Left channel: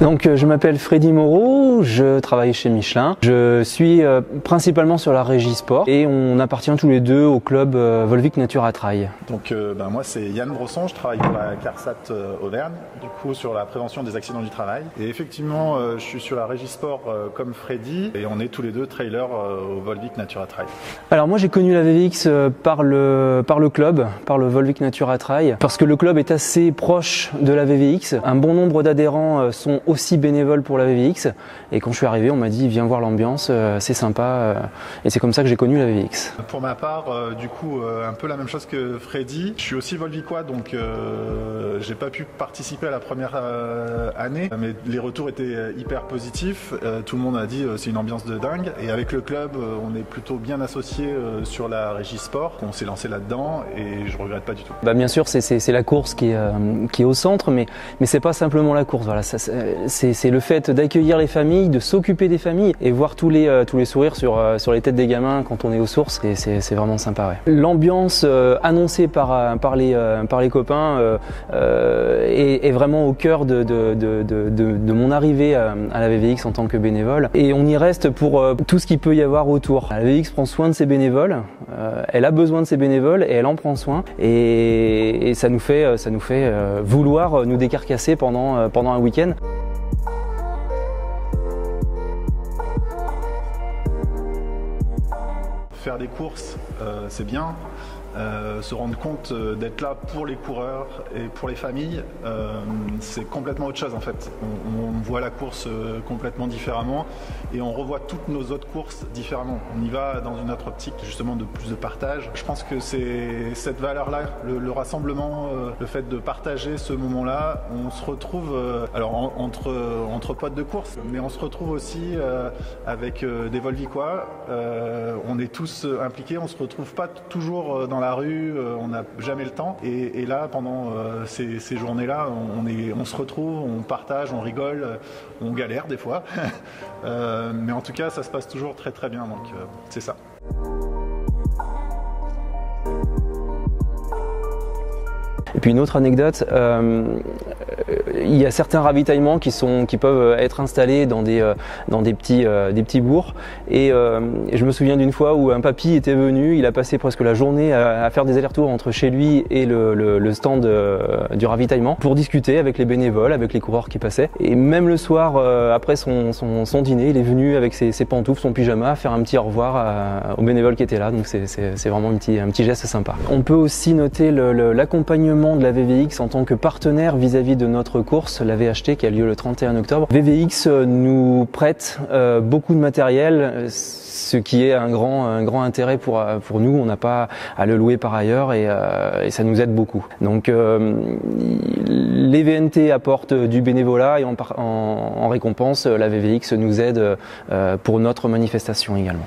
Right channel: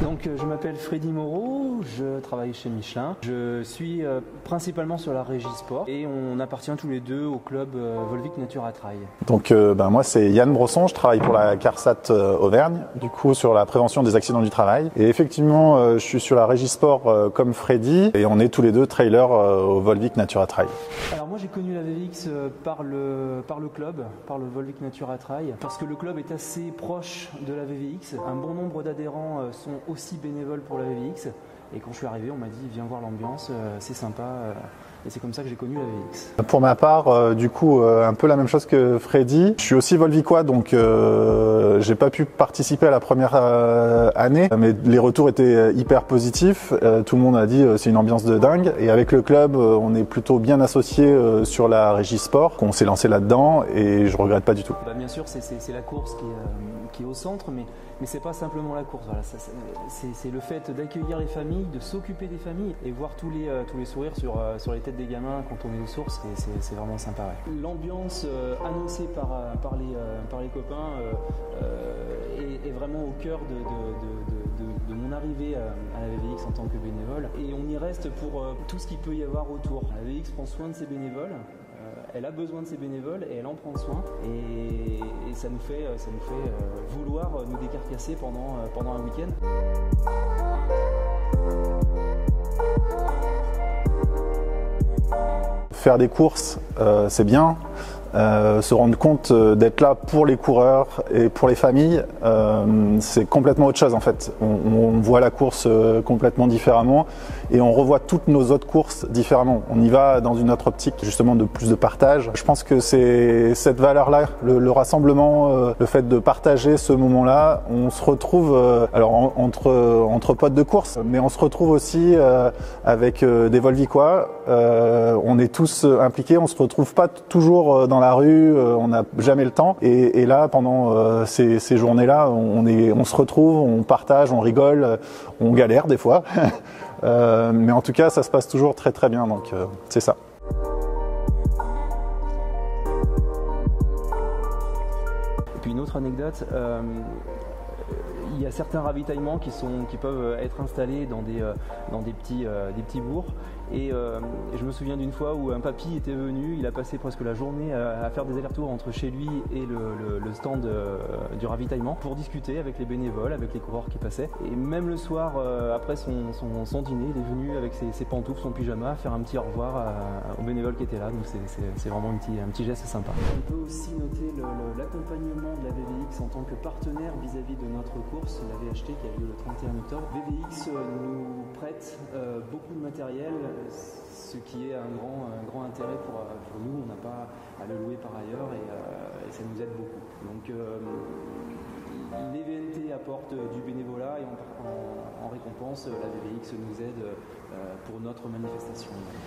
Donc je m'appelle Freddy Moreau, je travaille chez Michelin. Je suis principalement sur la régie sport et on appartient tous les deux au club Volvic Natura Trail. Donc moi c'est Yann Brosson, je travaille pour la CARSAT Auvergne, du coup sur la prévention des accidents du travail. Et effectivement je suis sur la régie sport comme Freddy et on est tous les deux trailers au Volvic Natura Trail. Alors moi j'ai connu la VVX par le club, par le Volvic Natura Trail, parce que le club est assez proche de la VVX. Un bon nombre d'adhérents sont aussi bénévoles pour la VVX et quand je suis arrivé on m'a dit viens voir l'ambiance, c'est sympa et c'est comme ça que j'ai connu la VVX. Pour ma part du coup un peu la même chose que Freddy, je suis aussi volvicois donc j'ai pas pu participer à la première année mais les retours étaient hyper positifs, tout le monde a dit c'est une ambiance de dingue et avec le club on est plutôt bien associés sur la régie sport, on s'est lancé là-dedans et je regrette pas du tout. Bien sûr c'est la course qui est au centre mais c'est pas simplement la course, voilà, c'est le fait d'accueillir les familles, de s'occuper des familles et voir tous les sourires sur les têtes des gamins quand on est aux sources, et c'est vraiment sympa. Ouais. L'ambiance annoncée par les copains est vraiment au cœur de mon arrivée à la VVX en tant que bénévole, et on y reste pour tout ce qu'il peut y avoir autour. La VVX prend soin de ses bénévoles, elle a besoin de ses bénévoles et elle en prend soin, et ça nous fait vouloir nous décarcasser pendant un week-end. Faire des courses, c'est bien. Se rendre compte d'être là pour les coureurs et pour les familles, c'est complètement autre chose en fait. On voit la course complètement différemment et on revoit toutes nos autres courses différemment. On y va dans une autre optique justement de plus de partage. Je pense que c'est cette valeur-là, le rassemblement, le fait de partager ce moment-là. On se retrouve alors entre potes de course, mais on se retrouve aussi avec des Volvicois. On est tous impliqués, on se retrouve pas toujours dans la rue, on n'a jamais le temps. Et là, pendant ces journées-là, on se retrouve, on partage, on rigole, on galère des fois. Mais en tout cas, ça se passe toujours très très bien, donc c'est ça. Et puis une autre anecdote, il y a certains ravitaillements qui peuvent être installés dans des petits bourgs, et je me souviens d'une fois où un papy était venu, il a passé presque la journée à faire des allers-retours entre chez lui et le stand du ravitaillement pour discuter avec les bénévoles, avec les coureurs qui passaient, et même le soir après son dîner, il est venu avec ses pantoufles, son pyjama, faire un petit au revoir aux bénévoles qui étaient là, donc c'est vraiment un petit geste sympa. On peut aussi noter l'accompagnement de la VVX en tant que partenaire vis-à-vis de notre course, la VHT, qui a lieu le 31 octobre. VVX nous prête beaucoup de matériel, ce qui est un grand intérêt pour nous. On n'a pas à le louer par ailleurs, et ça nous aide beaucoup. Donc les VNT apportent du bénévolat, et en récompense, la VVX nous aide pour notre manifestation également.